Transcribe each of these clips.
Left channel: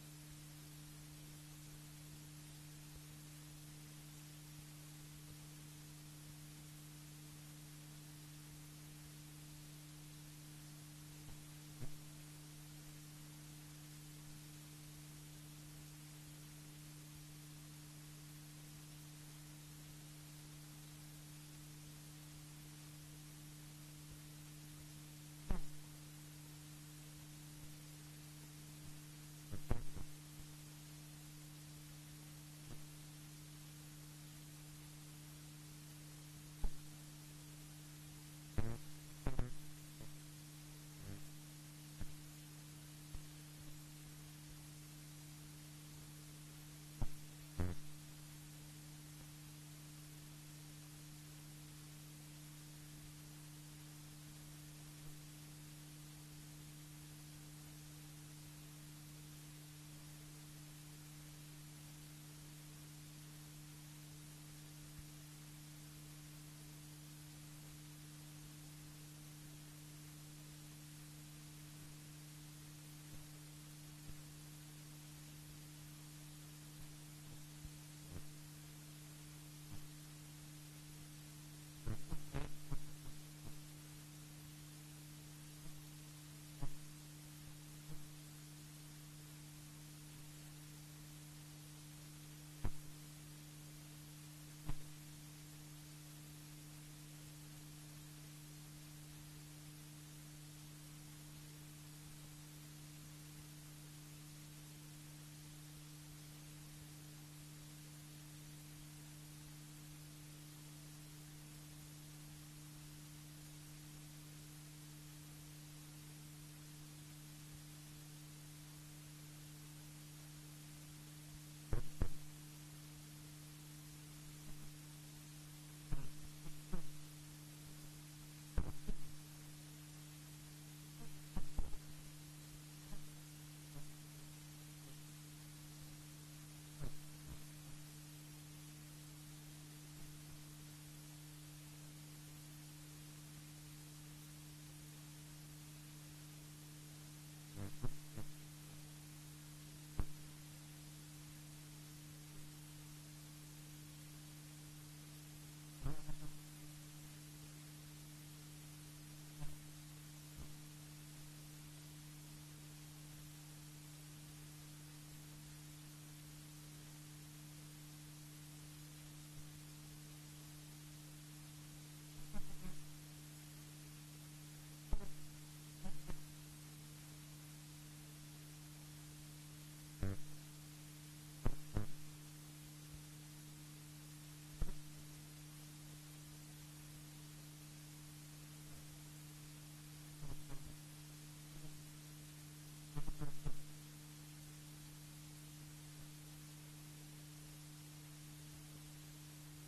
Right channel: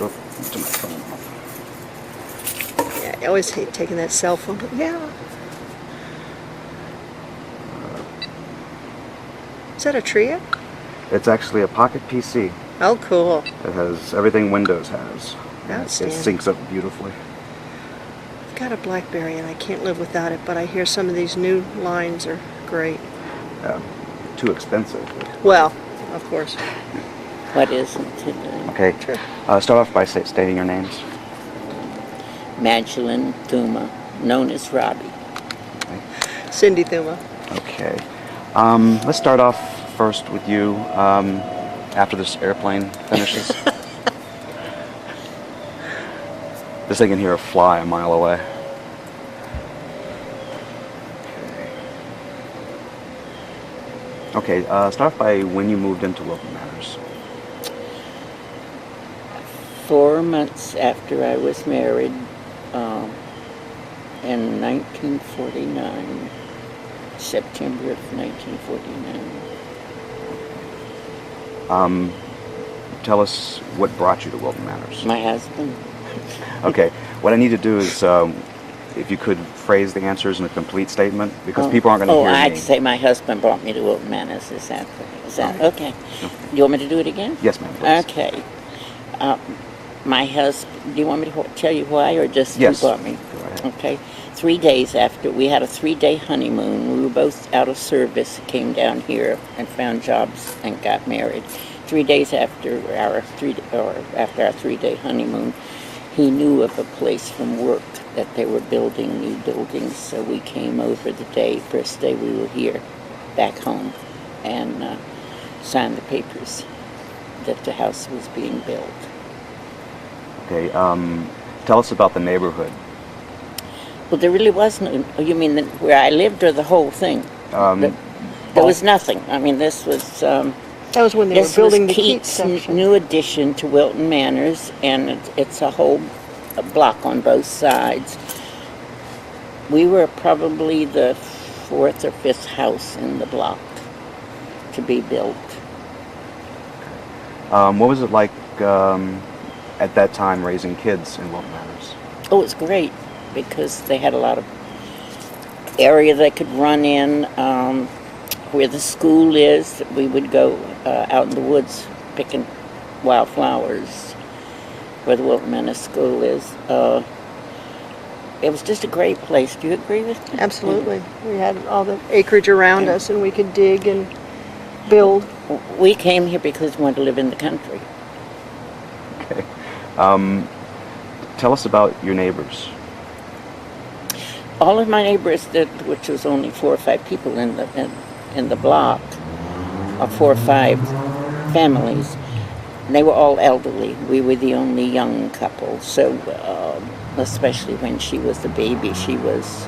Oh, to my phone. Yeah, I always hate taking that cell phone. Yeah. Is that a Tria? It's actually a pocket PC. Oh, cool. It has everything Windows has. And it Outstanding. syncs up beautifully. I've got a BlackBerry and I can't live without it, but I hear some of these new lines are great. Too expensive. Well, of course. What isn't it? Okay. Sure. Start off by stating your names. Magdalene Thuma, known as Robbie. Cindy Thuma. Okay. Let's start off first with you after this airplane finishes. This thing can hear a fly a mile away. Okay, start off by when you moved into Wilton Manors. 4 months after I was married, in 1949, September of 1949. Tell us what brought you to Wilton Manors. My husband. Okay, what I need to do is, if you could phrase the answers in a complete statement, because people aren't going to hear I'd me. say my husband brought me to Wilton Manors. Is that okay? You want me to do it again? Yes, ma'am, please. Okay. My husband, do you want me to tell you why, or just Yes. who brought me? Go ahead. Okay. 3 days after, we had a 3-day honeymoon. We were both out of service, came down here and found jobs and got married. 3 days after our 3-day honeymoon, he knew of a place from work that they were building new buildings, so we came over the first day we were here, back home, and signed the papers that the house was being built. Okay, tell us about the neighborhood. Well, there really was no, you mean where I lived or the whole thing? There was nothing. I mean, this was... That was when they were This building was the Keats Keats' section. new addition to Wilton Manors, and it's a whole block on both sides. We were probably the 4th or 5th house in the block to be built. What was it like at that time raising kids in Wilton Manors? Oh, it's great because they had a lot of area they could run in. Where the school is, we would go out in the woods picking wildflowers where the Wilton Manor School is. It was just a great place. Do you agree with me? Absolutely. We had all the acreage around us and we could dig and build. We came here because we wanted to live in the country. Okay. Tell us about your neighbors. All of my neighbors, which was only 4 or 5 people in the block, or 4 or 5 families, they were all elderly. We were the only young couple. So, especially when she was the baby, she was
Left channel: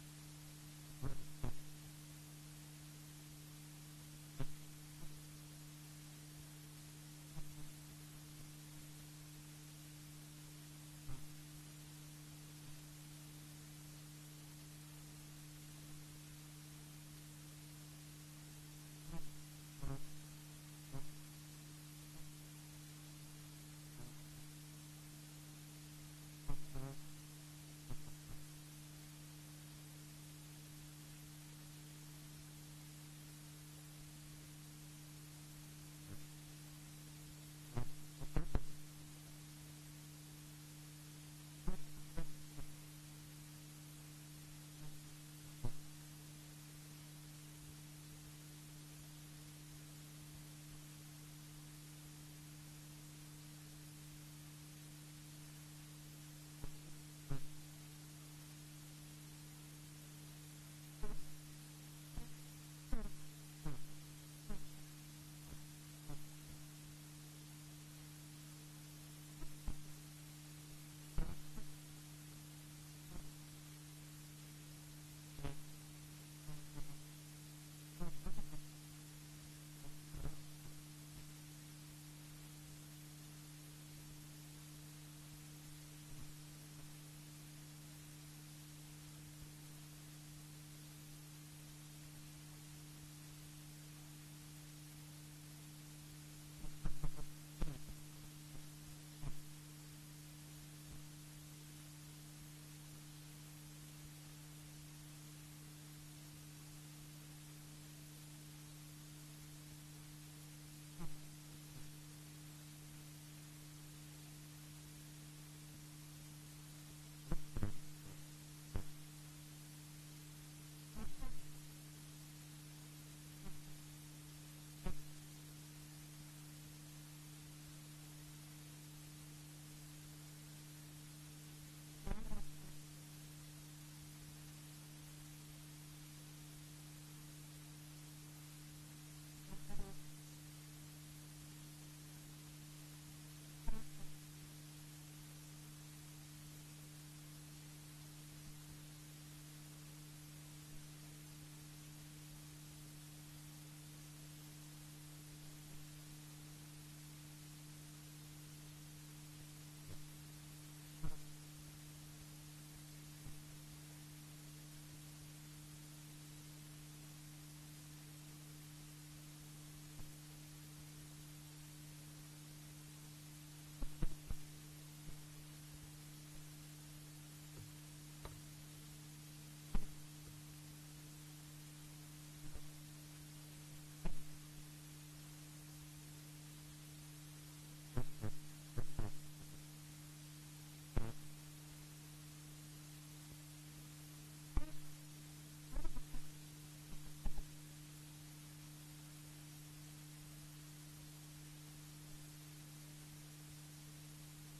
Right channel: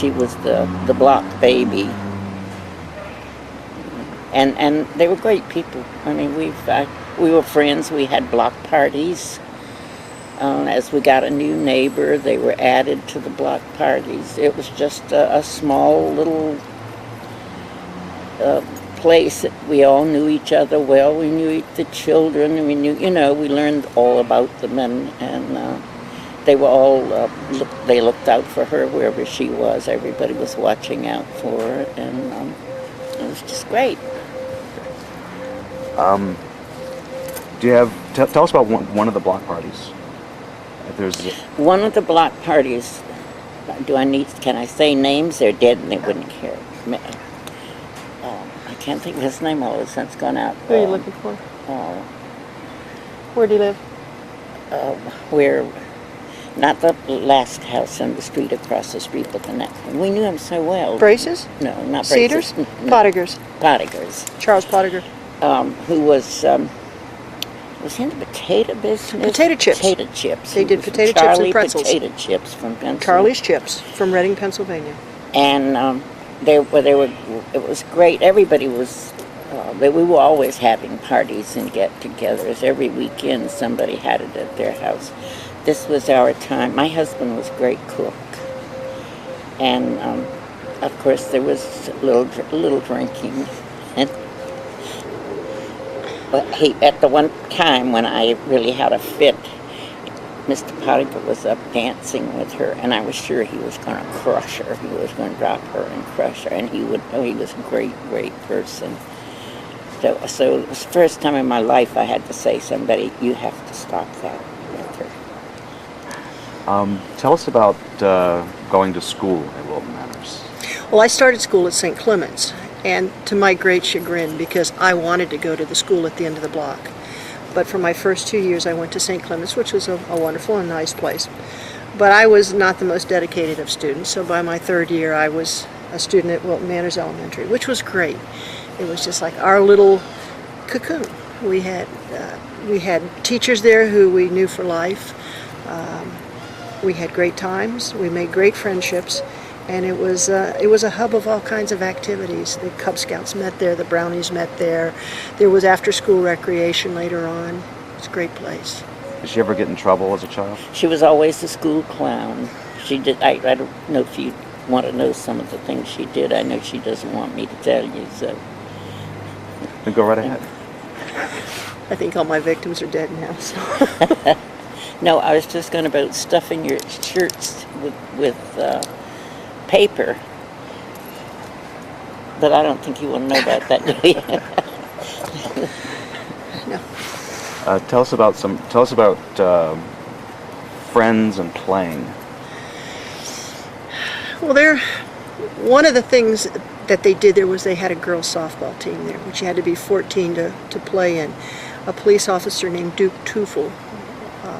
the block baby. And they were great people. I mean, we were friends. We had block parties. As we got a new neighbor, they were added to the block parties. It was just a small little place that we all knew each other well. We knew the children, and we knew, we learned all about them, and they were all, they looked out for her wherever she was. Everybody was watching out for her, and it was just great. Do you have, tell us about one of the block parties. If there's One of the block parties, can I say names? They're dead and they wouldn't care. I can't think of his name all of a sudden. It's gone out. Who are you looking for? Where do you live? Not the last house on the street across the street, but the next one. We knew him so well. Braces? No, not Cedars? Braces. No. Pottigers. Pottigers. Charles Pottiger. Who was he in the potato business? Potato chips. Potato chips. They He did was from potato chips and Charlie pretzels. Potato chips from Pennsylvania. Charlie's Chips from Reading, Pennsylvania. And they were. It was great. Everybody was. We were always having parties and get-togethers. Every weekend, somebody had it at their house. This was our time. My husband was a great cook, and of course there was a little drinking. And But at the one time when I really had a fit, Mr. Potiphar was up dancing with her, and I was sure he was going to crush her. He was going to drop her and crush her, and he would. Oh, he was a great, great person. So it was the first time in my life I had to say, somebody, you have to stop that with her. Tell us about going to school at Wilton Manors. Well, I started school at St. Clement's, and to my great chagrin, because I wanted to go to the school at the end of the block. But for my first 2 years, I went to St. Clement's, which was a wonderful and nice place. But I was not the most dedicated of students, so by my third year, I was a student at Wilton Manors Elementary, which was great. It was just like our little cocoon. We had teachers there who we knew for life. We had great times. We made great friendships. And it was a hub of all kinds of activities. The Cub Scouts met there, the Brownies met there. There was after-school recreation later on. It's a great place. Did she ever get in trouble as a child? She was always the school clown. She did. I don't know if you want to know some of the things she did. I know she doesn't want me to tell you, so. Then go right ahead. I think all my victims are dead now. So. No, I was just going about stuffing your shirts with paper, but I don't think you want to know about that, do you? No. Tell us about friends and playing. Well, one of the things that they did there was they had a girls softball team there, which you had to be 14 to play in. A police officer named Duke Teufel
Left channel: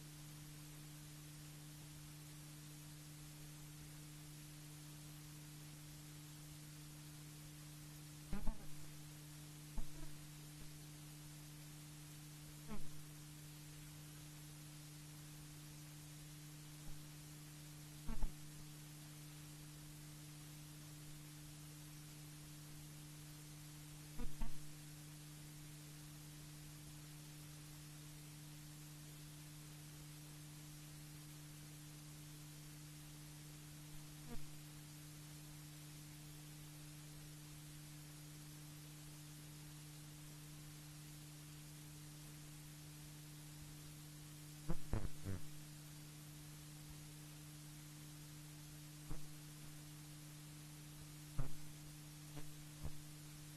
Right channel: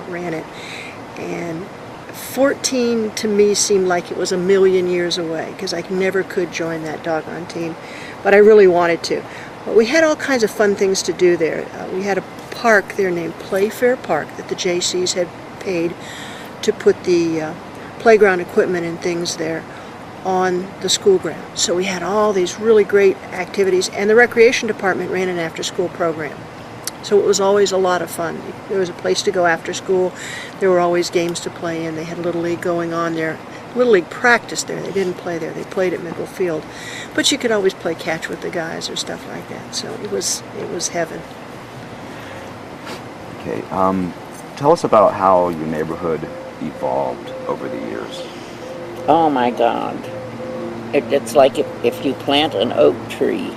ran it, and 14 to me seemed like it was a million years away because I never could join that doggone team, but I really wanted to. But we had all kinds of fun things to do there. We had a park there named Playfair Park that the J.C.'s had paid to put the playground equipment and things there on the school ground. So we had all these really great activities, and the recreation department ran an after-school program. So it was always a lot of fun. There was a place to go after school. There were always games to play in. They had Little League going on there. Little League practiced there. They didn't play there. They played at Mickle Field. But you could always play catch with the guys or stuff like that. So it was heaven. Okay. Tell us about how your neighborhood evolved over the years. Oh my God. It's like if you plant an oak tree.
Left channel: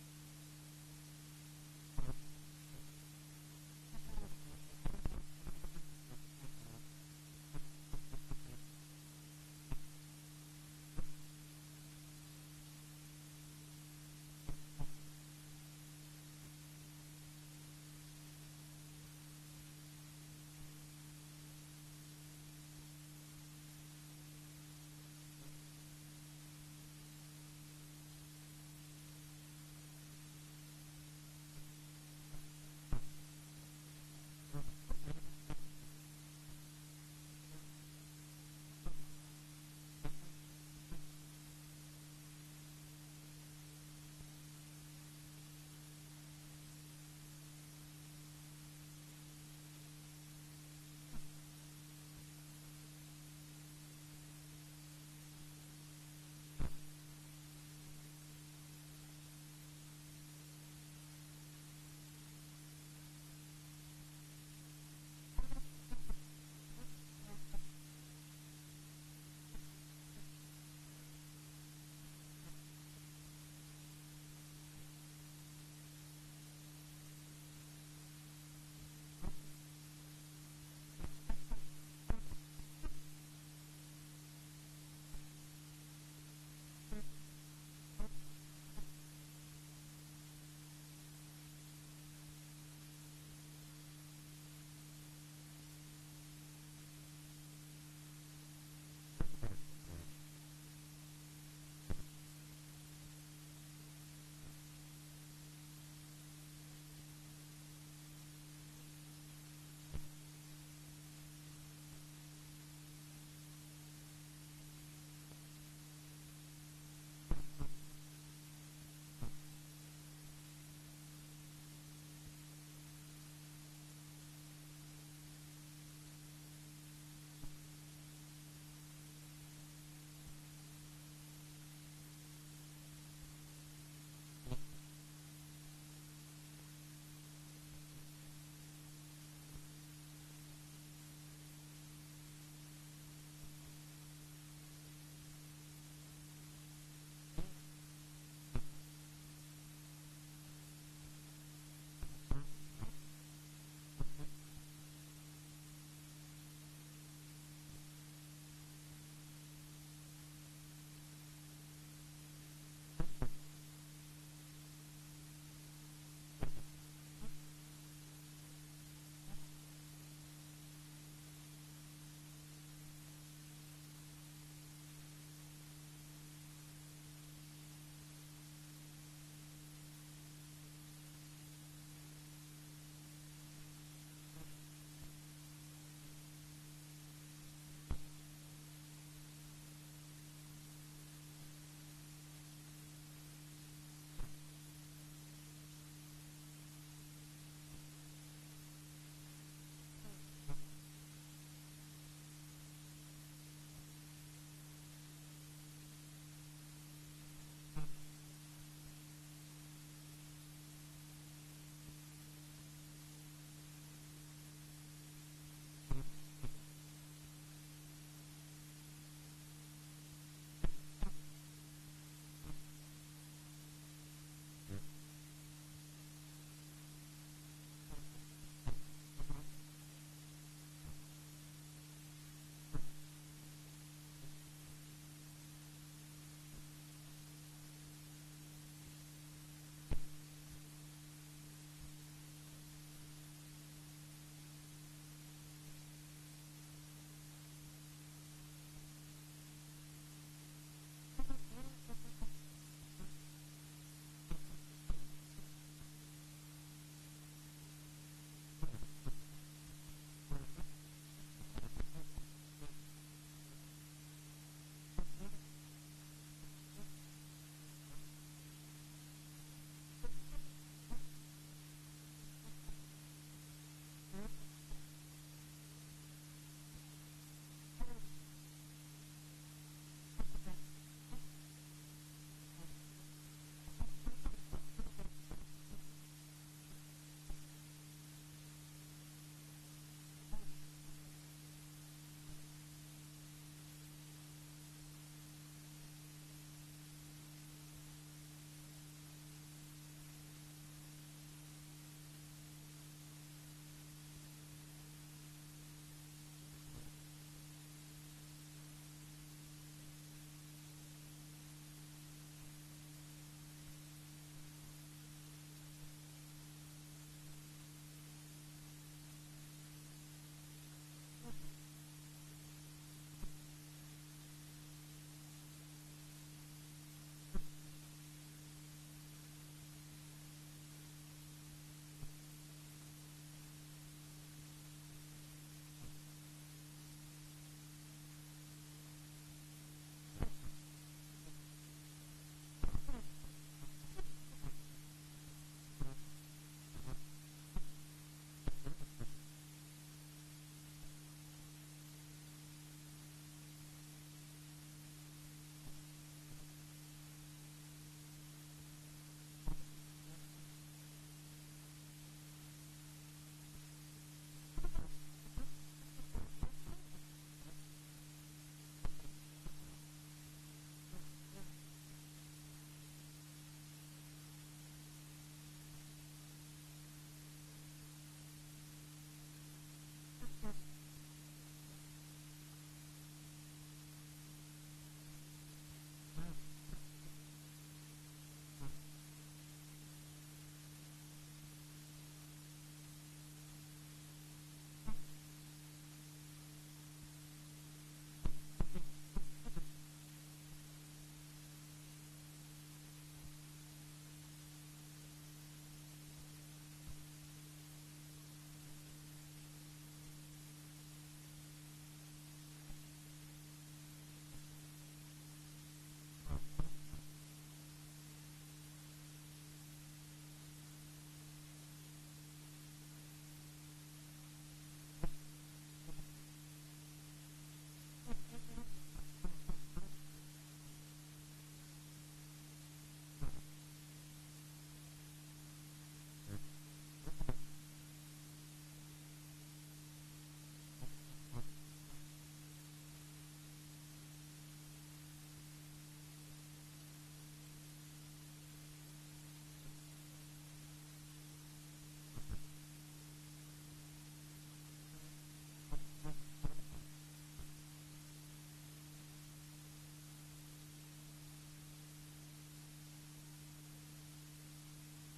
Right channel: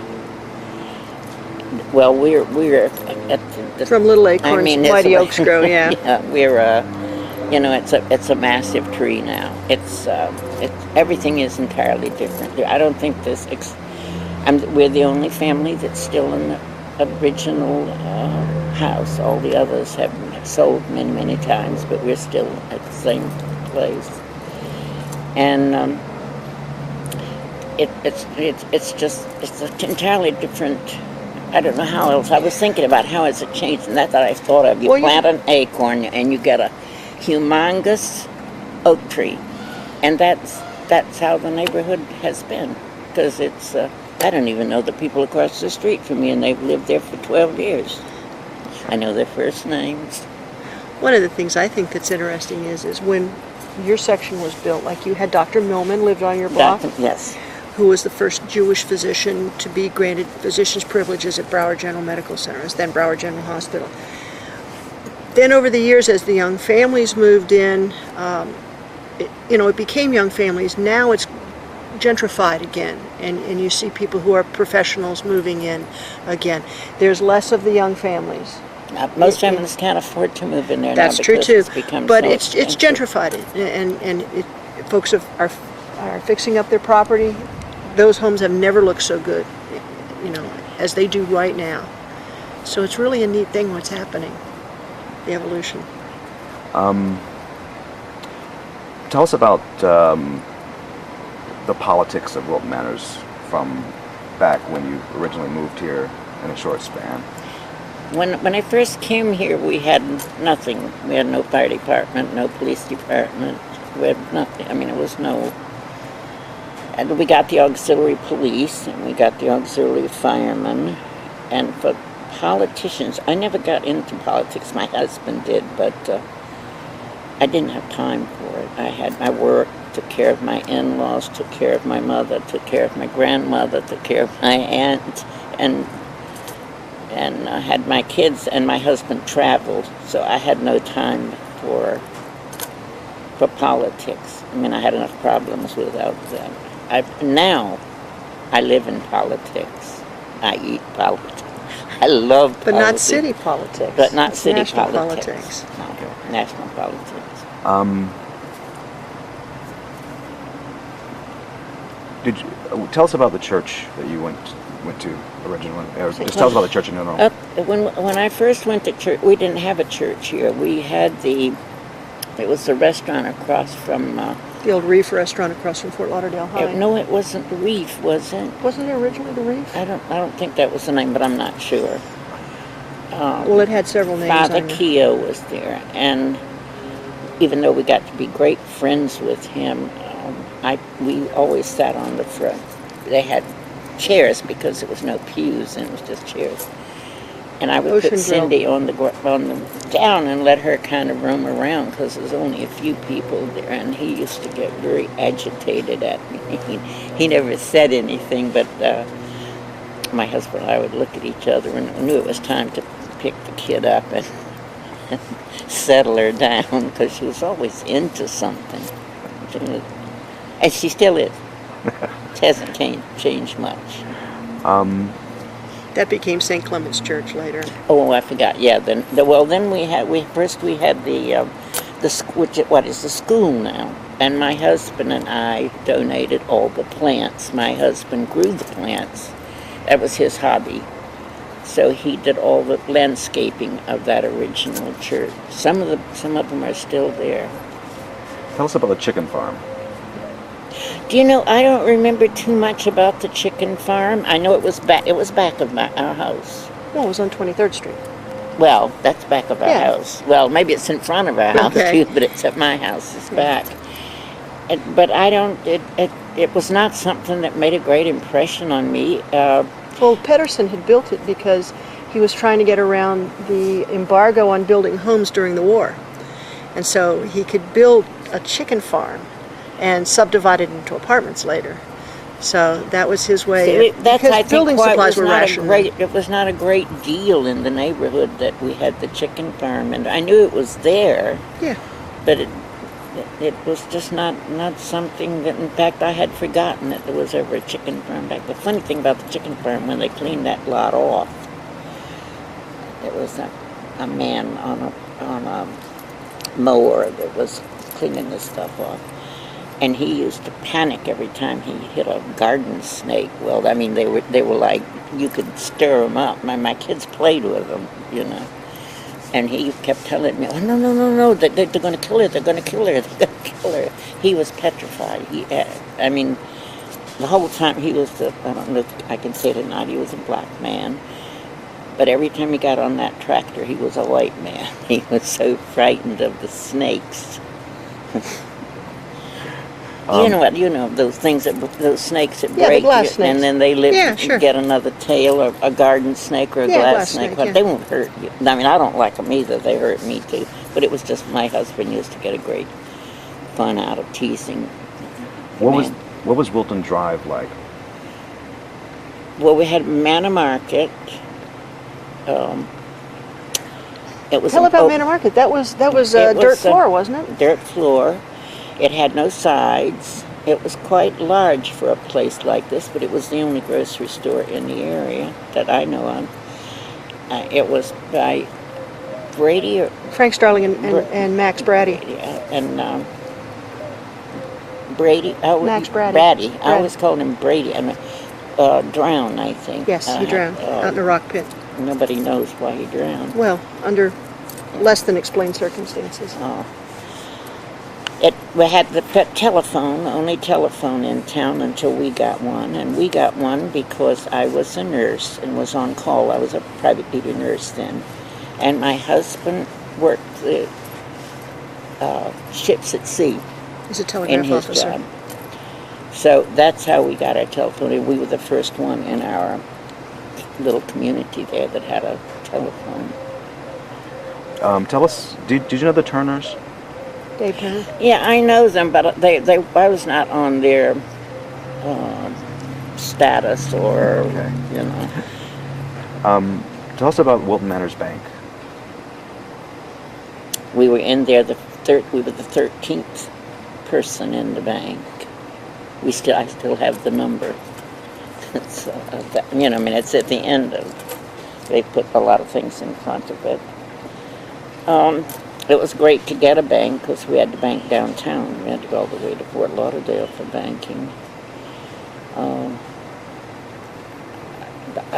Well, we're at the From Little Acorns, I mean, Mighty Oaks Grow, yeah. Yeah, we're it's a massive tree now. It's everything is entirely different. I don't think we're the only family that's still in the original house. All the others have sold many, many times, but we're still at the same place. And it's an entirely different. I don't know how else. I was thinking about how has it changed, and that's what I thought of. You plant an acorn, and you get a humongous oak tree, and that's how the neighborhood has been. Because it's, I don't even know the people across the street from me, and they've lived there for 12 years. I know their first names. One of the things I think that's interesting is when your section was built, like you had Dr. Millman lived on your block. Yes. Who was the first Jewish physician to be granted physician's privileges at Broward General Medical Center, then Broward General Hospital. Then over the years, as the young families moved in, it became young families. Now it's gentrified again, and you see people who are professionals moving in again. There's less of the young families. Most families can't afford to move in there now. That's true too. But so it's gentrified, and folks are fixing up their property. Those homes have never looked so good, as they do right now. So it's really a neat thing what's happening, the evolution. Tell us about the politics of Wilton Manors from back when you originally moved here in a short span. When I first came here, we had nothing. We had no fire department, no police department. We had nothing. I mean, it was no... And we got the auxiliary police, and we got the auxiliary firemen. And for politicians, I never got into politics. My husband did, but I didn't have time for it. I had my work, took care of my in-laws, took care of my mother, took care of my grandmother, took care of my aunt, and and I had my kids, and my husband traveled, so I had no time for politics. I mean, I had enough problems without that. Now I live in politics. I eat politics. I love But politics. not city politics. But not It's city national politics. No, national politics. Did you, tell us about the church that you went to originally. Just tell us about the church in general. When I first went to church, we didn't have a church here. We had it was the restaurant across from. The old Reef restaurant across from Fort Lauderdale High. No, it wasn't the Reef, was it? Wasn't it originally the Reef? I don't think that was the name, but I'm not sure. Well, it had several names. Father Keogh was there, and even though we got to be great friends with him, we always sat on the front. They had chairs because there was no pews and it was just chairs. And I would Ocean put Cindy on the down and let her kind of roam around because there was only a few people there, and he used to get very agitated at me. He never said anything, but my husband and I would look at each other and knew it was time to pick the kid up and settle her down because she was always into something. And she still is. It hasn't changed much. That became St. Clement's Church later. Oh, I forgot. Yeah. Then we had what is the school now, and my husband and I donated all the plants. My husband grew the plants. That was his hobby. So he did all the landscaping of that original church. Some of them are still there. Tell us about the chicken farm. Do you know, I don't remember too much about the chicken farm. I know it was back of our house. No, it was on 23rd Street. Well, that's back of our Yeah. house. Well, maybe it's in front of our house Okay. too, but it's at my house. It's back. But I don't. It was not something that made a great impression on me. Well, Pedersen had built it because he was trying to get around the embargo on building homes during the war. And so he could build a chicken farm and subdivide it into apartments later. So that was his way. That's, I because building think, why supplies were rationed. it was not a great deal in the neighborhood that we had the chicken farm, and I knew it was there. Yeah. But it was just not something that, in fact, I had forgotten that there was ever a chicken farm back. The funny thing about the chicken farm, when they cleaned that lot off, there was a man on a mower that was cleaning this stuff off. And he used to panic every time he hit a garden snake. Well, I mean, they were like, you could stir them up. My kids played with them, you know. And he kept telling me, oh, no, they're going to kill her, they're going to kill her, they're going to kill her. He was petrified. I mean, the whole time he was, I don't know if I can say it or not, he was a black man. But every time he got on that tractor, he was a white man. He was so frightened of the snakes. You know those things those snakes that Yeah, the break glass you, snakes. and then they live Yeah, and sure. get another tail, or a garden snake or a glass snake. Well, yeah. they won't hurt you. I mean, I don't like them either. They hurt me too. But it was just my husband used to get a great fun out of teasing. What was Wilton Drive like? Well, we had Manor Market. It was Tell about Manor Market. That was dirt floor, wasn't it? Dirt floor. It had no sides. It was quite large for a place like this, but it was the only grocery store in the area that I know of. It was by Brady or Frank Starling and Max Brady. and Brady. Max Brady. Brady. I Brady. always called him Brady. I mean, drowned, I think. Yes, he drowned out in a rock pit. Nobody knows why he drowned. Well, under less than explained circumstances. Oh. We had the only telephone in town until we got one. And we got one because I was a nurse and was on call. I was a private duty nurse then. And my husband worked the ships at sea He's a in telegraph his officer. job. So that's how we got our telephone. And we were the first one in our little community there that had a telephone. Tell us, did you know the Turners? Dave Turner. Yeah, I know them, but I was not on their status or, Okay. you know. Tell us about Wilton Manors Bank. We were in there we were the 13th person in the bank. I still have the number. It's, it's at the end of. They put a lot of things in front of it. It was great to get a bank because we had to bank downtown. We had to go all the way to Fort Lauderdale for banking. I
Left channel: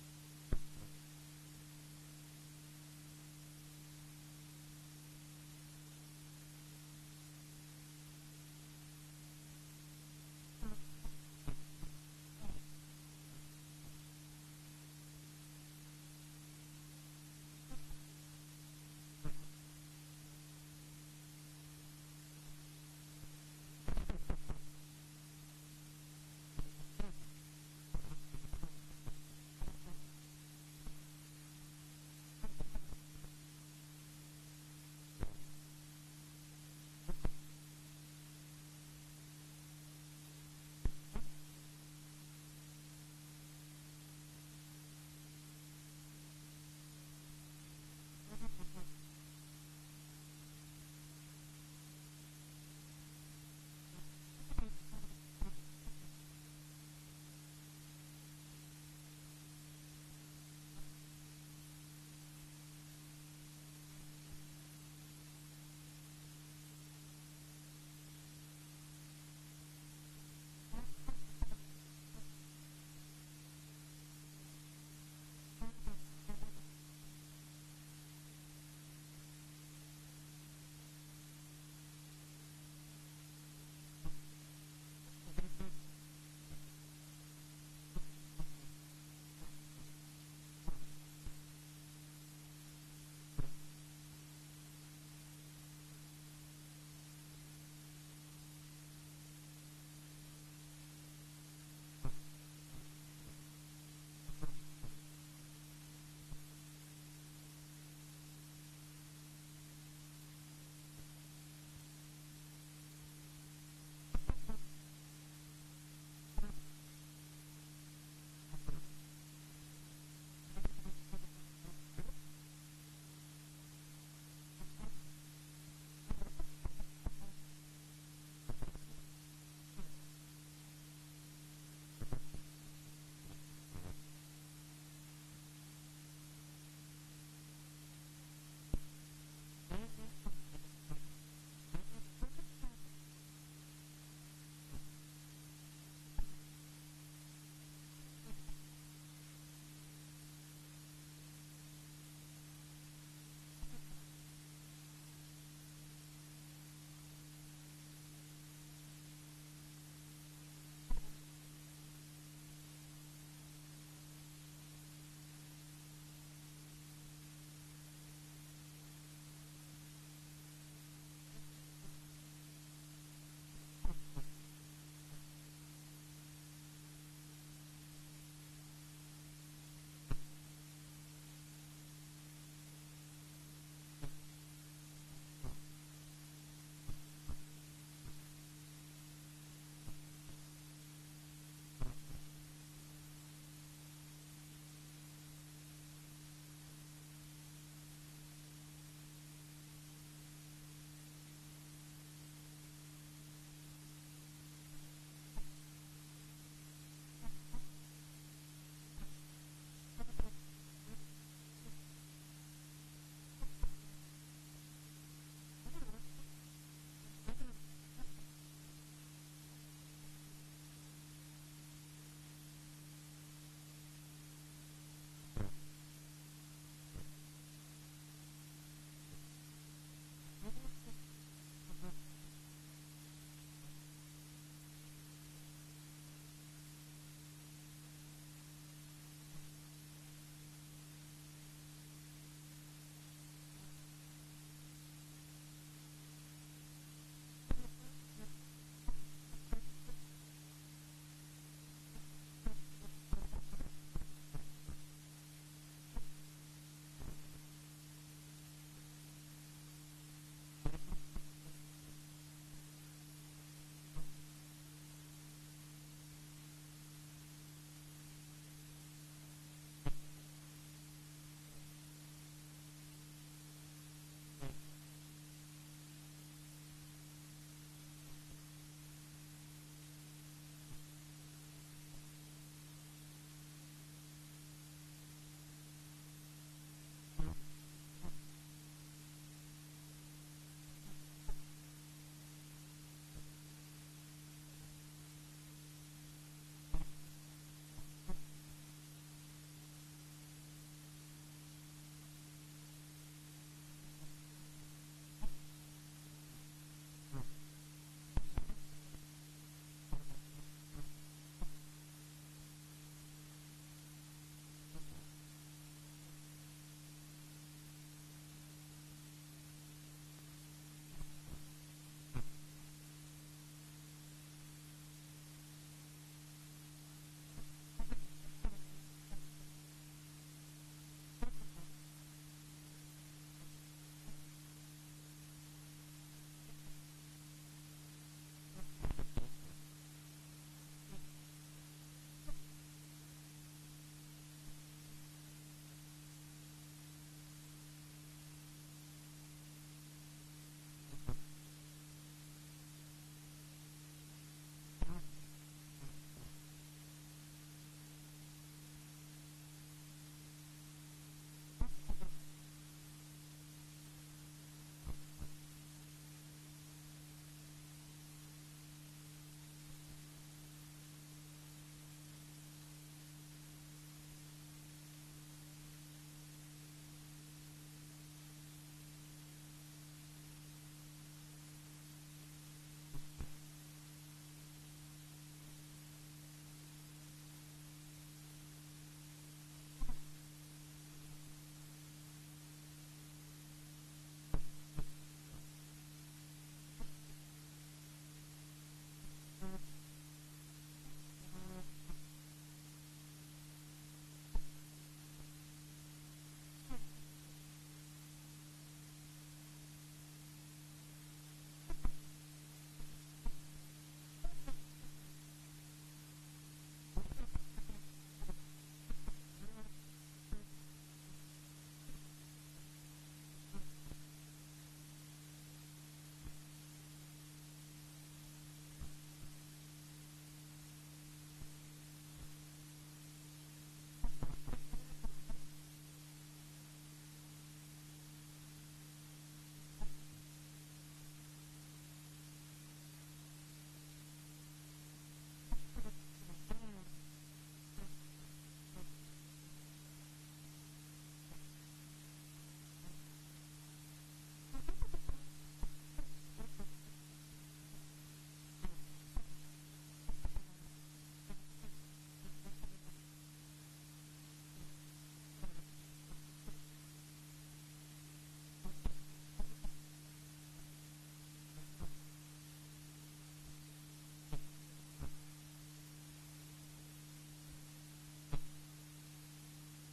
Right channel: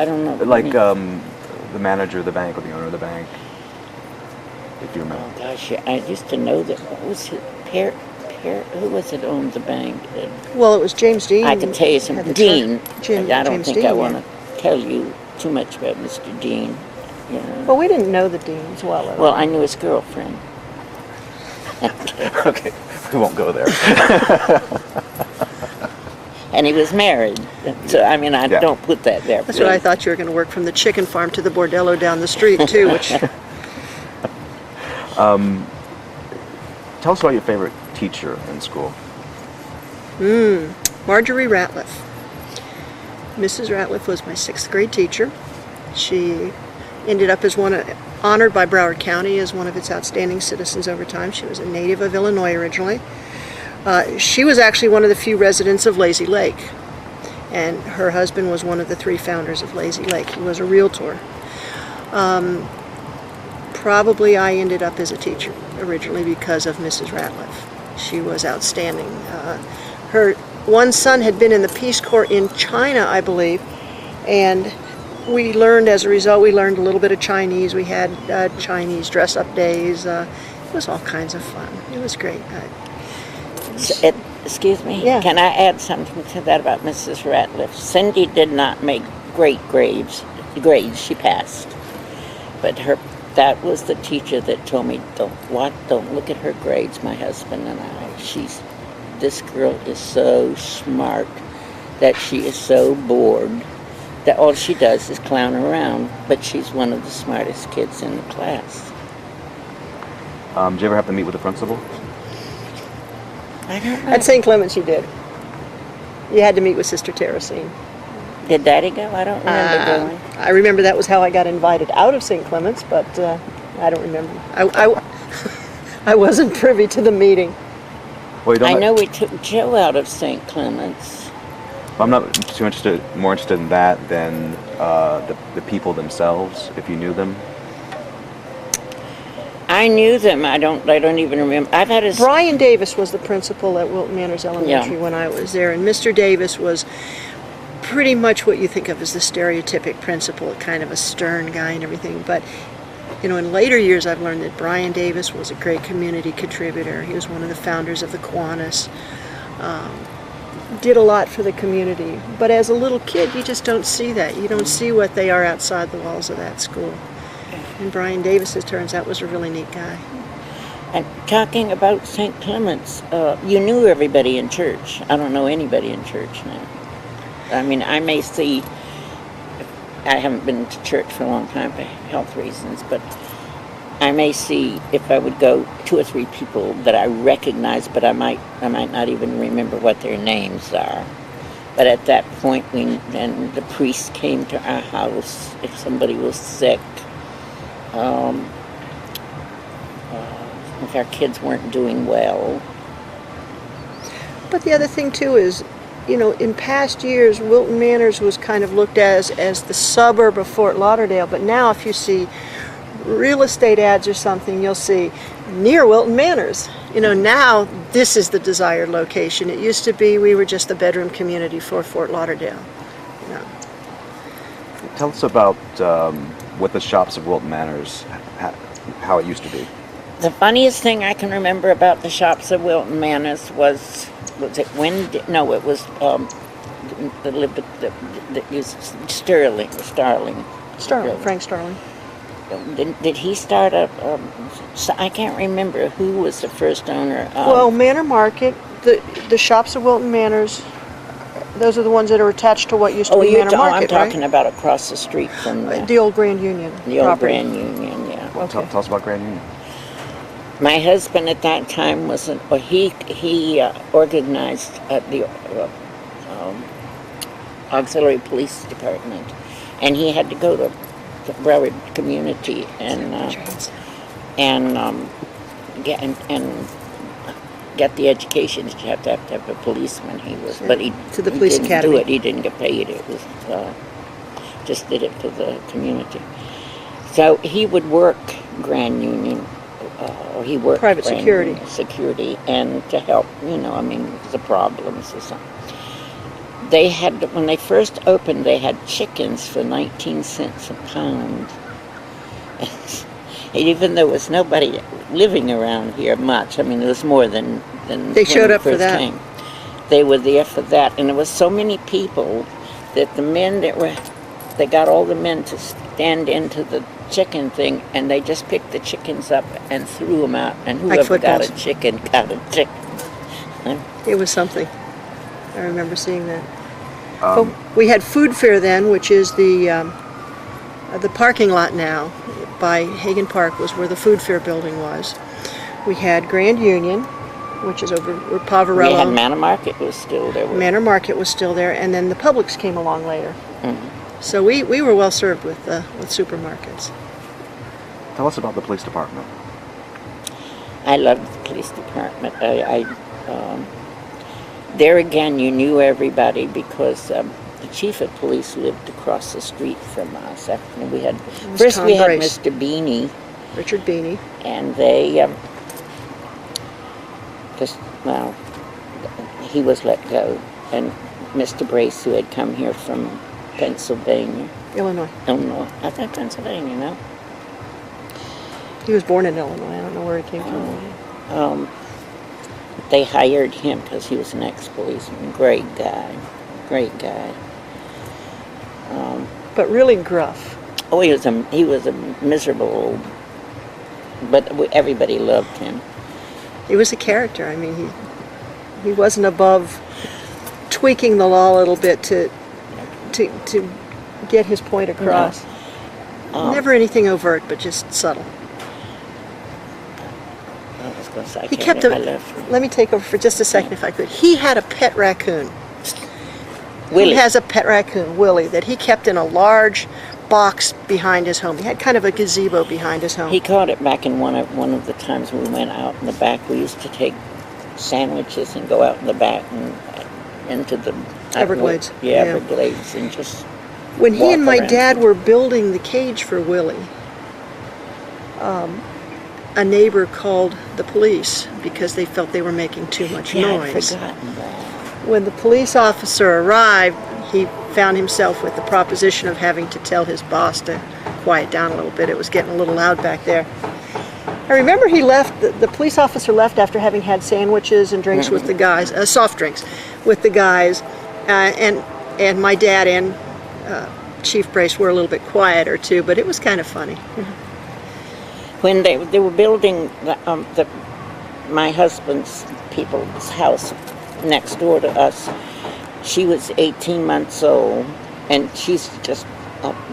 don't know. Like the manager of the bank or the owner of the bank, if you remember. Oh gosh, yeah, I used to know that. What was it? Who was it owned the bank? Well, it was James Dean. I can tell you some. at the Dean. time. I don't James think Dean, I yeah. want to tell you too much about Mr. Dean. You know. Well, we didn't know the Deans well at all. Well, I knew his girlfriend. Okay, we won't go there. And he was married. So, I mean, I Yeah. don't put that there. That's what I thought. You were going to work from the chicken farm to the bordello down the street, too, which... Tell us about your favorite teacher in school. Marjorie Ratliff. Mrs. Ratliff was my 6th grade teacher. She ended up as honored by Broward County as one of its outstanding citizens over time. She was a native of Illinois originally. She was actually one of the few residents of Lazy Lake, and her husband was one of the 3 founders of Lazy Lake. He was a realtor. Probably I ended up as a teacher originally because of Mrs. Ratliff. She was outstanding. Her one son had been in the Peace Corps in China, I believe, and we learned, as a result, we learned a little bit of Chinese. We had Chinese dress-up days. It was all kinds of fun. It was great. Excuse me? Yeah. Can I add something to that about Mrs. Ratliff? Cindy did not make great grades. She passed. But that was the teacher that told me, don't look at her grades, my husband and I. This girl is so smart that she is so bored that all she does is clown around, but she's one of the smartest kids in the class. Did you ever have to meet with the principal? I don't know. At St. Clement's you did. You had to meet with Sister Teresine. Did Daddy go? I don't remember going. I remember that was how I got invited out of St. Clement's, but I don't remember. I wasn't privy to the meeting. Well, you don't I know we took Joe out of St. Clement's. I'm not more interested in that than the people themselves, if you knew them. I knew them. I don't even remember. I've had his. Brian Davis was the principal at Wilton Manors Elementary when I was there, and Mr. Davis was pretty much what you think of as the stereotypic principal, kind of a stern guy and everything. But in later years, I've learned that Brian Davis was a great community contributor. He was one of the founders of the Kiwanis. Did a lot for the community. But as a little kid, you just don't see that. You don't see what they are outside the walls of that school. And Brian Davis, it turns out, was a really neat guy. And talking about St. Clement's, you knew everybody in church. I don't know anybody in church now. I mean, I may see. I haven't been to church for a long time for health reasons, but I may see if I would go 2 or 3 people that I recognize, but I might not even remember what their names are. But at that point, then the priest came to our house if somebody was sick. If our kids weren't doing well. But the other thing, too, is, in past years, Wilton Manors was kind of looked at as the suburb of Fort Lauderdale. But now if you see real estate ads or something, you'll see near Wilton Manors. Now this is the desired location. It used to be we were just the bedroom community for Fort Lauderdale. Tell us about what the shops of Wilton Manors, how it used to be. The funniest thing I can remember about the shops of Wilton Manors was it Wendy? No, it was Starling. Frank Starling. Did he start up? I can't remember who was the first owner. Well, Manor Market, the shops of Wilton Manors, those are the ones that are attached to what used to be Manor Market, I'm talking about across the street from the old Grand Union the old property. Grand Union, yeah. Well, tell us about Grand Union. My husband at that time he organized the auxiliary police department, and he had to go to Broward community, and get the education that you have to have a policeman. He was, but he To the police he didn't academy. do it. He didn't get paid. It was just did it for the community. So he would work Grand Union, or he worked Private Grand security. Union security, and to help, I mean, the problems or something. They had, when they first opened, they had chickens for 19 cents a pound. And even though there was nobody living around here much, I mean, there was more than They when showed we up for first that. came. They were there for that, and there was so many people that they got all the men to stand into the chicken thing, and they just picked the chickens up and threw them out, and Like whoever got a footballs. chicken got a chicken. It was something. I remember seeing that. Um, We had Food Fair then, which is the parking lot now by Hagen Park was where the Food Fair building was. We had Grand Union, which is over where We had Poverello. Manor Market was still there. Manor Market was still there, and then the Publix came along later. Mhm. So we were well served with supermarkets. Tell us about the police department. I loved the police department. There again, you knew everybody because the chief of police lived across the street from us. And we had was first Tom we had Brace. Mr. Beanie, Richard Beanie. and they he was let go, and Mr. Brace, who had come here from Pennsylvania, Illinois. Illinois, I think Pennsylvania, no. He was born in Illinois. I don't know where he came from. They hired him because he was an ex-policeman. Great guy. But really gruff. Oh, he was a miserable old, but everybody loved him. He was a character. I mean, he wasn't above tweaking the law a little bit to get his point across. Never anything overt, but just subtle. I was going to say, He kept I left. Let me take over for just a second, if I could. He had a pet raccoon. Willie. He has a pet raccoon, Willie, that he kept in a large box behind his home. He had kind of a gazebo behind his home. He caught it back in one of the times we went out in the back. We used to take sandwiches and go out in the back and into the Everglades. Yeah, Yeah. Everglades, and just When he walk and my around. dad were building the cage for Willie, a neighbor called the police because they felt they were making too much Yeah, I'd noise. forgotten that. When the police officer arrived, he found himself with the proposition of having to tell his boss to quiet down a little bit. It was getting a little loud back there. I remember he left, the police officer left after having had sandwiches and drinks with the guys, soft drinks with the guys, and my dad and Chief Brace were a little bit quieter too, but it was kind of funny. When they were building my husband's people's house next door to us, she was 18 months old, and she's just,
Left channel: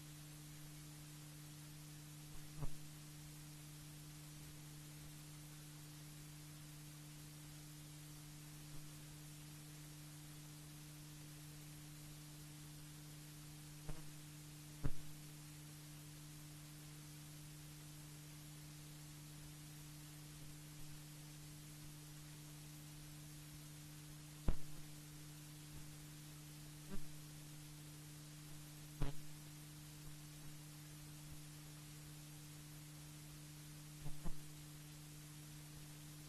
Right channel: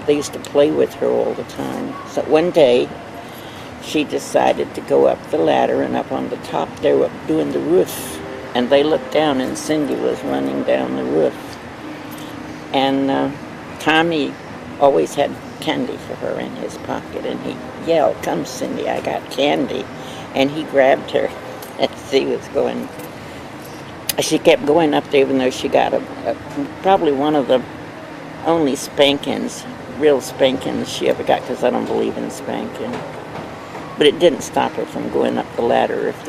they used to play with her all the time. So one day, she decided to go up the ladder, and up on the top, they were doing the roof, and they looked down, and Cindy was running down the roof. And Tommy always had candy for her in his pocket, and he yelled, "Come, Cindy, I got candy." And he grabbed her as she was going. She kept going up there, even though she got probably one of the only spankings, real spankings she ever got, because I don't believe in spanking. But it didn't stop her from going up the ladder if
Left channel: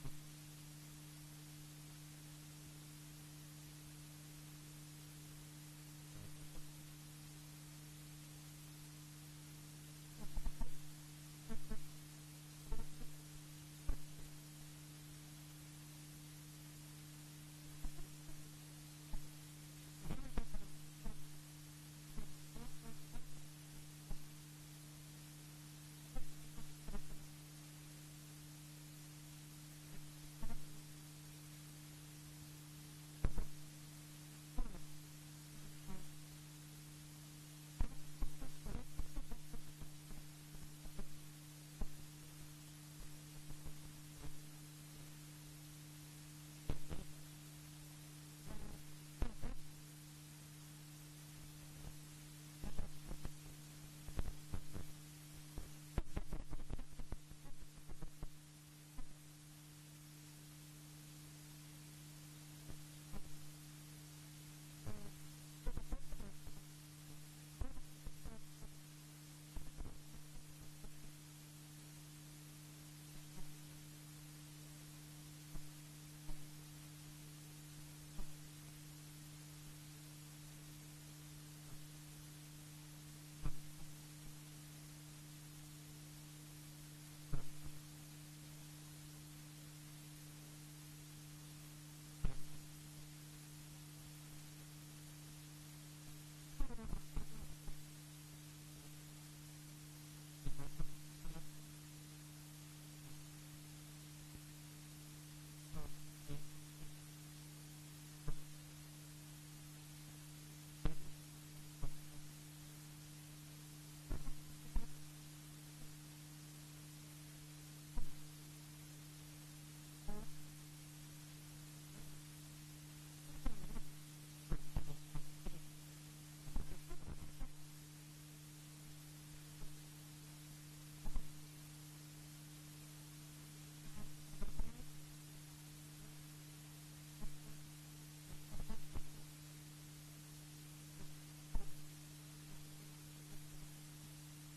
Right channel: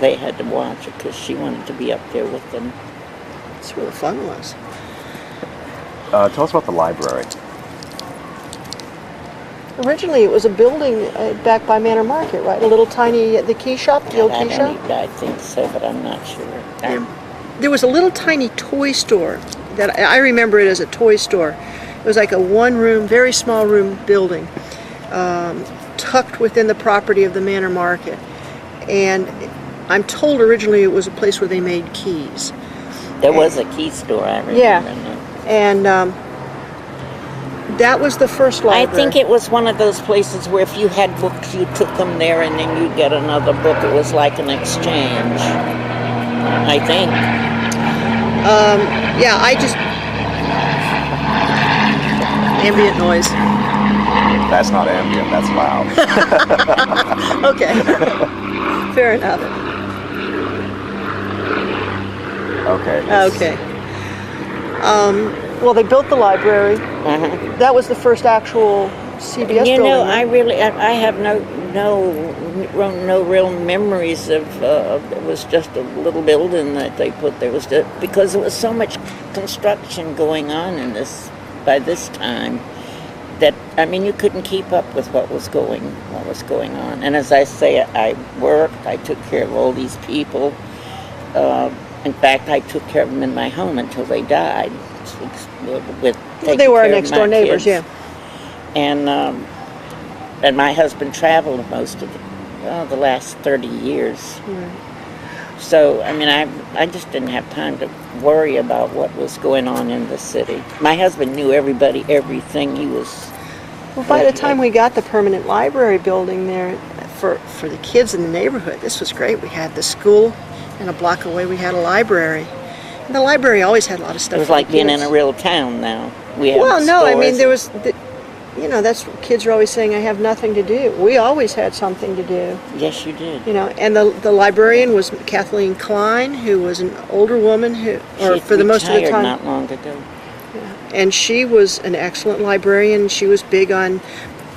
they had to watch her, because she wanted to be up there with them. That's where the fun was. Tell us about the library. Originally, it was a building back by Manor Market, right? A little tiny, the key shop, the old key shop. I think so, but I'm not sure. There was a little tiny toy store that I remember it as a toy store. It was like a one-room, very small room building, tucked within the property of the Manor Market. And I'm told originally it was a place where they made keys. There was a key store, I remember. Yeah. now. And that was the first I library. think it was one of those places where if you had books, you took them there and then you'd get another book. It was like an exchange, I think. Yeah, I just... ambient noise. That's not ambient, that's loud. Okay. Fair enough. Okay. Okay. Well, they built the library. That was the first actual CBS You building. know, right? I have no real memories of. It was just a little building that they put there. Because there was so much construction going on in this by this time that I mean you couldn't keep up with what was going on. And as I say, I worked. I took care of all these people. In fact, I took care of them in my home until they died. Well, they were our taking care of next door my neighbors, kids. yeah. And my husband traveled most of the last 30 years. So, I mean, I just didn't have time to worry about what was going on in the city. My husband knew everybody, everything. He was... Well, by the time we got the permanent library building there for the kids in the neighborhood, this was great. We had the school, and a block away we had a library. And the library always had a lot of stuff. It was for like the being kids. in a real town now. We had Well, no, I mean, stores. there was, that's what kids are always saying, I have nothing to do. We always had something to do, Yes, you did. and the librarian was Kathleen Klein, who was an older woman She for the most of the retired time. not long ago. And she was an excellent librarian. She was big on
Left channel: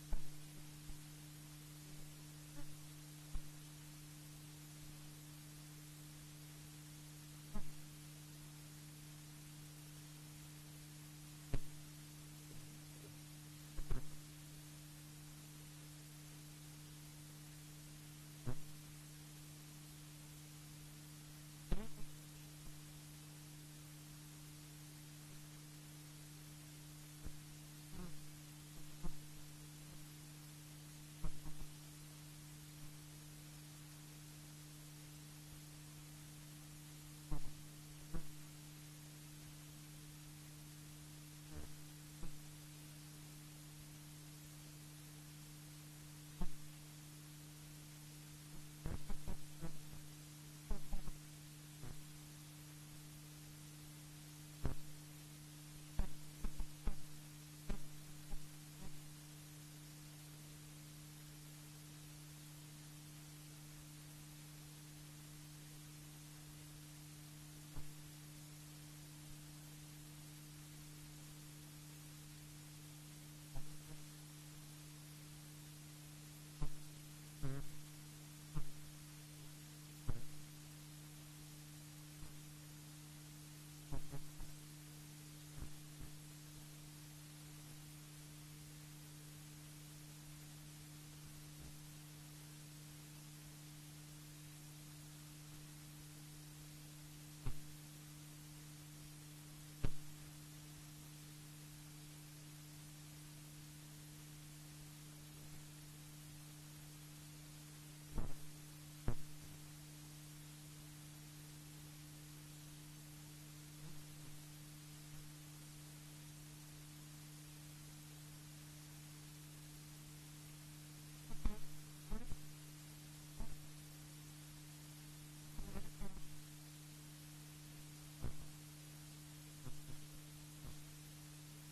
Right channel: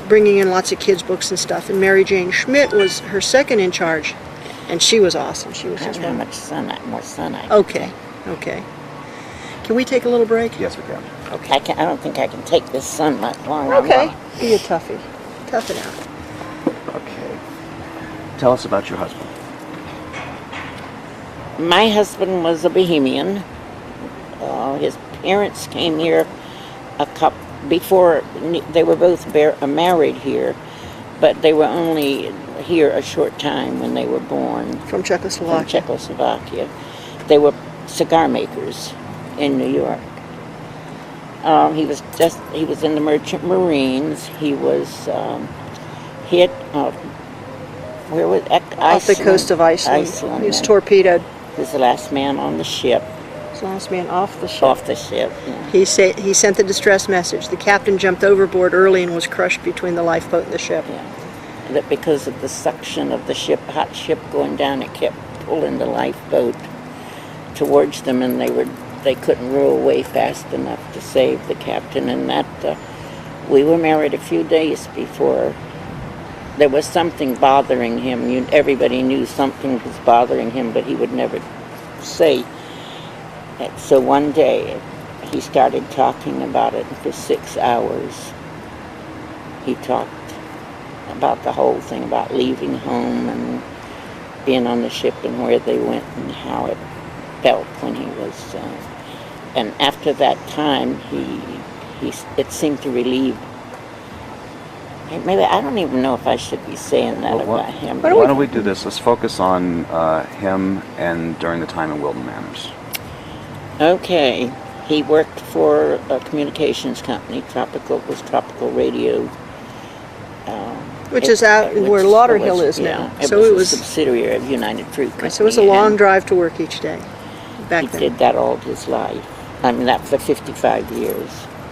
bringing in lots of kids' books and stuff. And Mary Jane Schmidt was her second in charge, and she was awesome. She was I just don't know how one. much more sun I Okay. Can we take a little break? Yes, we can. Okay. I don't think I can take this sun much longer. Okay. Be a toughie. Tough it out. Okay. Tell us about your husband. My husband was a Bohemian. His parents came here before they were both married here, but they were only here a short time when they were born. From Czechoslovakia. From Czechoslovakia. They were cigar makers in New York. He was in the Merchant Marines. He was hit where was Iceland? Off the coast of Iceland. He was torpedoed. He was the last man on the ship. He was the last man off the ship. Off the ship. Yeah. He sent the distress message. The captain jumped overboard early and was crushed between the lifeboat and the ship. Yeah. That because of the suction of the hot ship going down, it kept pulling the lifeboat towards them, and they couldn't row away fast enough to save the captain. And that we were married a few days before. There was something bothering him. Everybody knew something was bothering him, but he would never say. So one day, he started talking about it, and for 6 hours, he talked about the whole thing, about leaving home and being on the ship and where they went and how it felt when he was. And after that time, it seemed to relieve. Maybe I don't even know if I should be saying that about him. Why don't we do this? Let's focus on him and during the time in Wilton Manors. Okay, he worked for a communications company. Tropical Radio. Which is out where Lauderhill is yeah, now. It So was it a was subsidiary of United Fruit Company. So it was a long and drive to work each day back He then. did that all his life. I mean, that for 55 years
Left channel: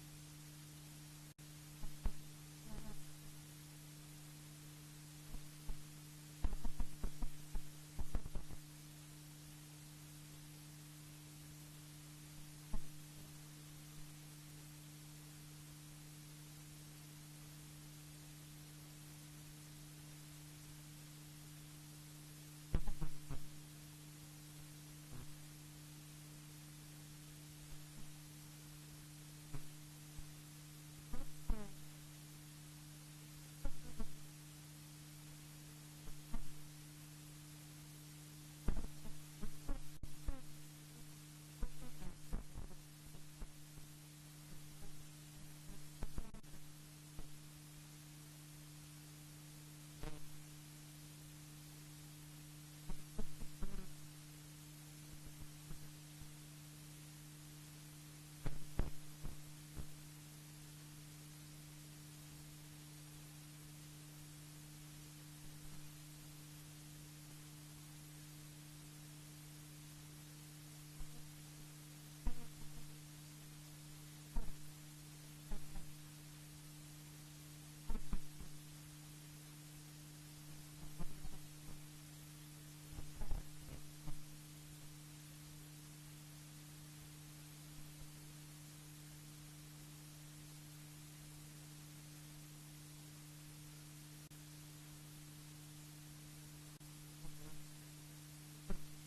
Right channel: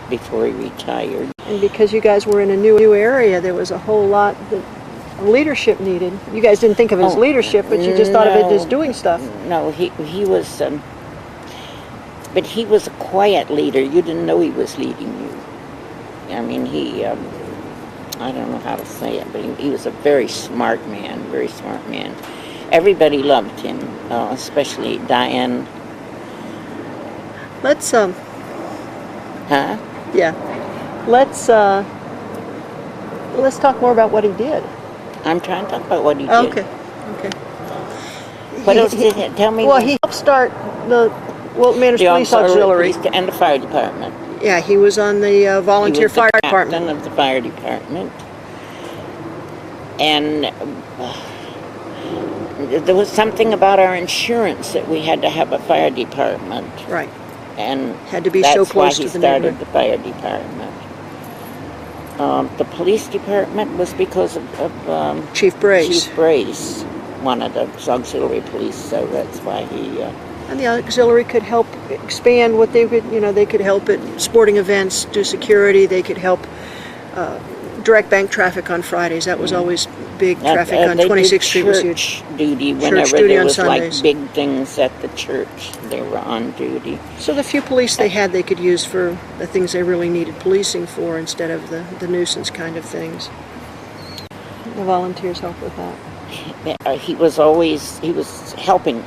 before he retired. And because you guys were in a new area, there was a whole lot that leadership needed. You guys didn't think of it as leadership, but you just thought of it as doing stuff. No, he was, but he was a quiet leader. You didn't know he was leading you. I mean, I don't know how to say it, but he was a very smart man. Everybody loved him, especially Diane. Let's Huh? yeah. Let's talk more about what he did. I'm trying to talk about what he did. Okay. What else did he tell me? Well, he helped start the Wilton Manors the Police Auxiliary. Police and the fire department. Yeah, he was on the volunteer fire He was the captain department. of the fire department. And there was something about our insurance that we had to have a fire department. Right. And Had to be that's so close why to he the started neighborhood. the fire department. The police department was because of Chief Brace. Chief Brace wanted us auxiliary police, so that's why he... And the auxiliary could help expand what they could, they could help at sporting events, do security, they could help direct bank traffic on Fridays. That was always big traffic on They 26th did Street was church huge. duty whenever duty there on was Sundays. like big things at the church. They were on duty. So the few police they had, they could use for the things they really needed policing for instead of the nuisance kind of things. The volunteers help with that. He was always helping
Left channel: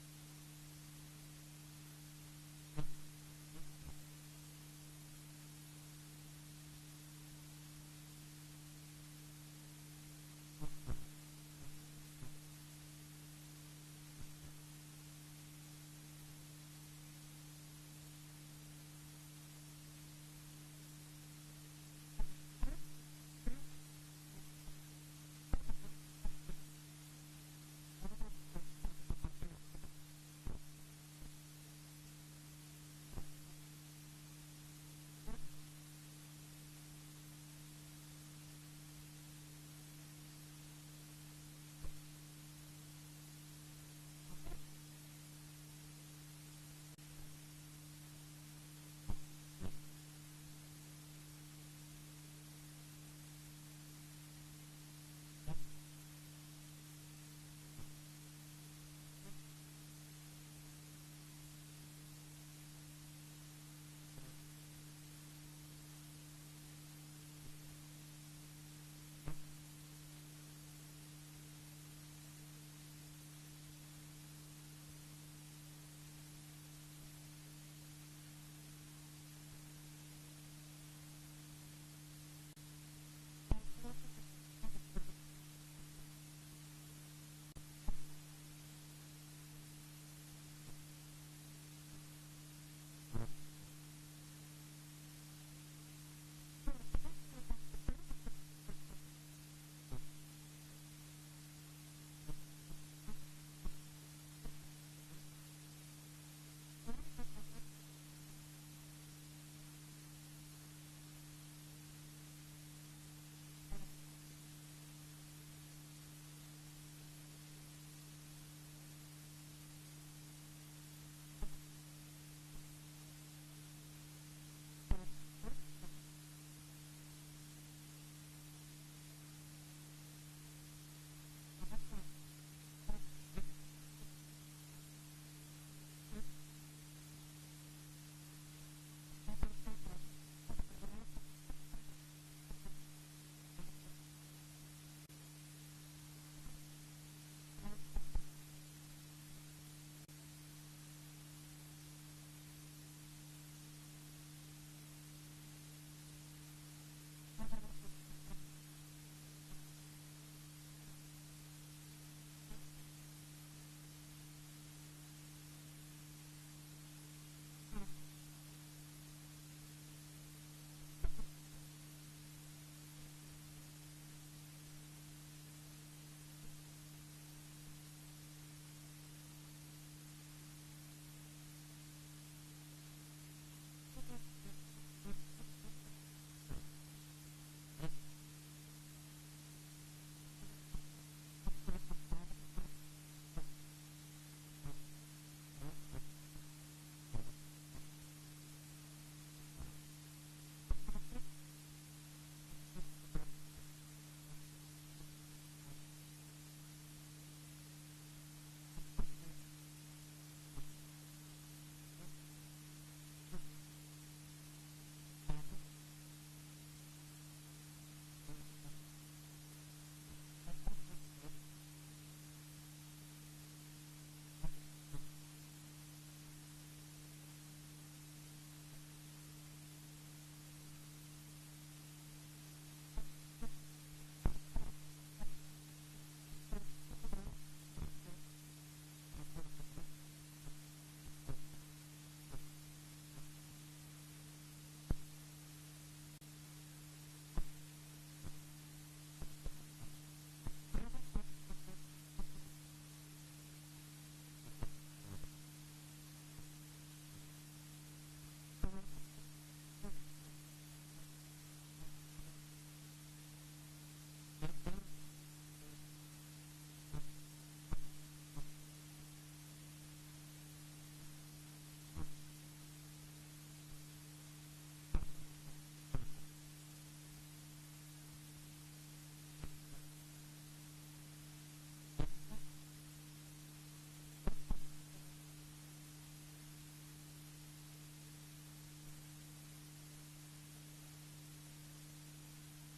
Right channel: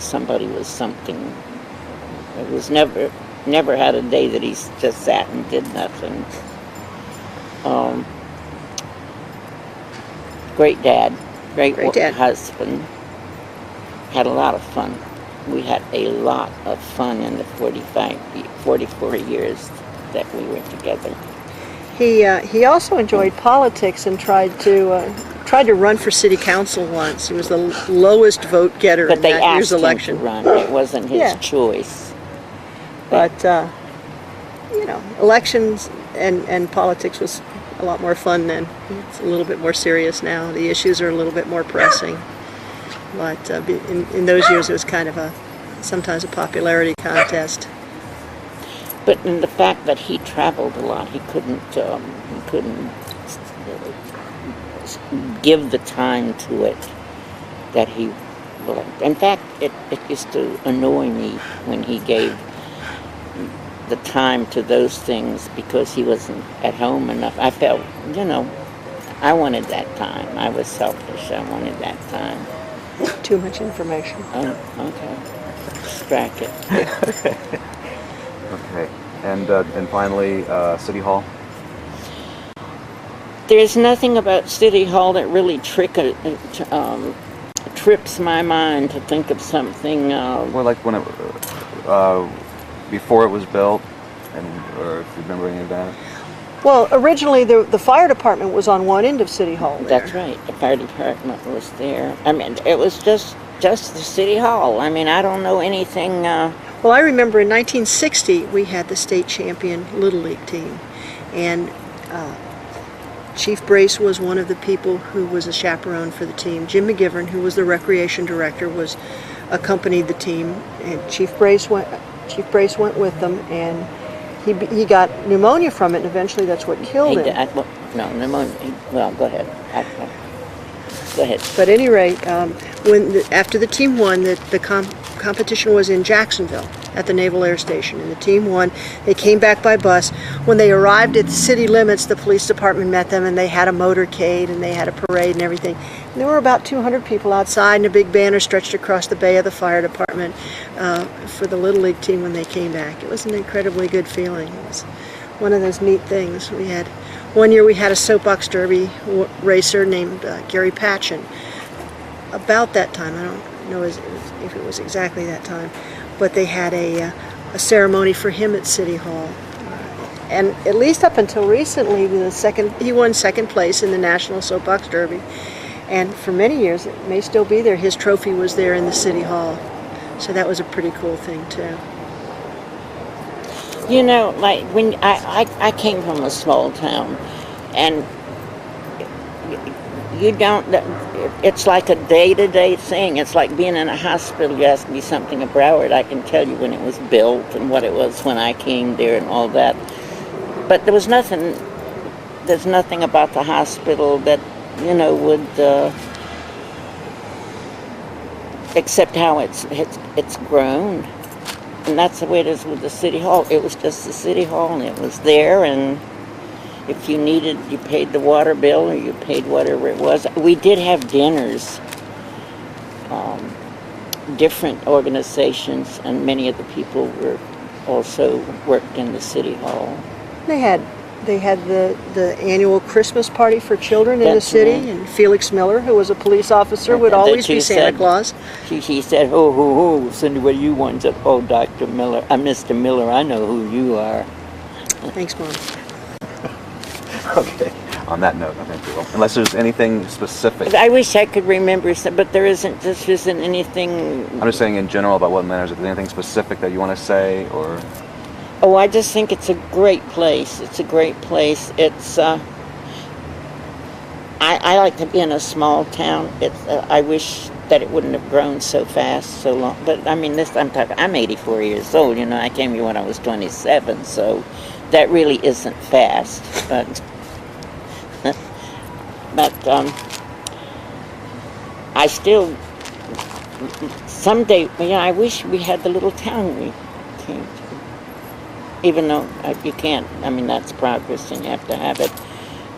somebody with something. It was never had a day that he just sat and did nothing. Great dad, great dad. husband. Had a lot of fun. We had a lot of fun in the 44 years that we were together. He also enjoyed politics and tried to run for city council once. He was the lowest vote getter But in they that asked year's him election. to run. It wasn't his Yeah. choice. But elections and politics was a lot more fun then. It's a little bit more serious now. The issues are a little bit more pressing. But in those years, it was kind of sometimes a popularity contest. But in the fact that he traveled a lot, he couldn't give the time to it that he would. In fact, it used to annoy me when he gave the time to those things because he wasn't at home enough. I felt, I wanted that time. I was selfish. I wanted that time. Too much information. Oh, okay. Strike it. Okay. And finally, City Hall. There's nothing about City Hall that really trips my mind to think of something. Well, like when it, before it was built, or if you remember any of that. Well, originally the fire department was on one end of City Hall there. That's right. The fire department was there. I mean, it was just the City Hall. I mean, I don't know anything. Well, I remember in 1960 we had the state champion Little League team, and Chief Brace was one of the people who was a chaperone for the team. Jim McGivern, who was the recreation director, accompanied the team, and Chief Brace went with them, and he got pneumonia from it, and eventually that's what killed him. No, pneumonia. Well, go ahead. Go ahead. But at any rate, after the team won, the competition was in Jacksonville at the Naval Air Station, and the team won. They came back by bus. When they arrived at the city limits, the police department met them, and they had a motorcade, and they had a parade and everything. And there were about 200 people outside, and a big banner stretched across the bay of the fire department for the Little League team when they came back. It was an incredibly good feeling. It was one of those neat things. One year we had a soapbox derby racer named Gary Patchen. About that time, I don't know if it was exactly that time, but they had a ceremony for him at City Hall. And at least up until recently, he won second place in the National Soapbox Derby. And for many years, it may still be there, his trophy was there in the City Hall. So that was a pretty cool thing, too. Like when I came from a small town, and it's like a day-to-day thing. It's like being in a hospital. You ask me something of Broward, I can tell you when it was built and what it was when I came there and all that. But there's nothing about the hospital that, would, except how it's grown. And that's the way it is with the City Hall. It was just the City Hall, and it was there, and if you needed, you paid the water bill, or you paid whatever it was. We did have dinners, different organizations, and many of the people also worked in the City Hall. They had the annual Christmas party for children in the That's city, right. and Felix Miller, who was a police officer, would always be Santa Claus. She said, "Oh, Cindy, what do you want?" I said, "Oh, Dr. Miller, Mr. Miller, I know who you are." Thanks, Mom. Okay. On that note, I think we will. Unless there's anything specific. I wish I could remember, but there isn't anything. I'm just saying in general about what matters. If there's anything specific that you want to say, or... Oh, I just think it's a great place. It's a great place. It's, I like to be in a small town. I wish that it wouldn't have grown so fast, so long. But I mean, I'm 84 years old, I came here when I was 27, so that really isn't fast. But But I still, someday, I wish we had the little town we came to. Even though you can't, that's progress and you have to have it.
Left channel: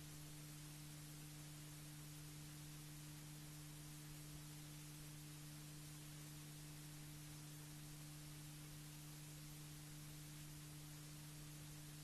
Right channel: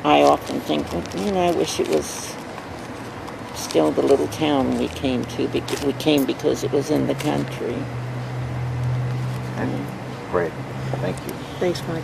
I often think, I wish it was still the little town we came to. We came because it was in the country. Great. Thank you. Thanks, Mike.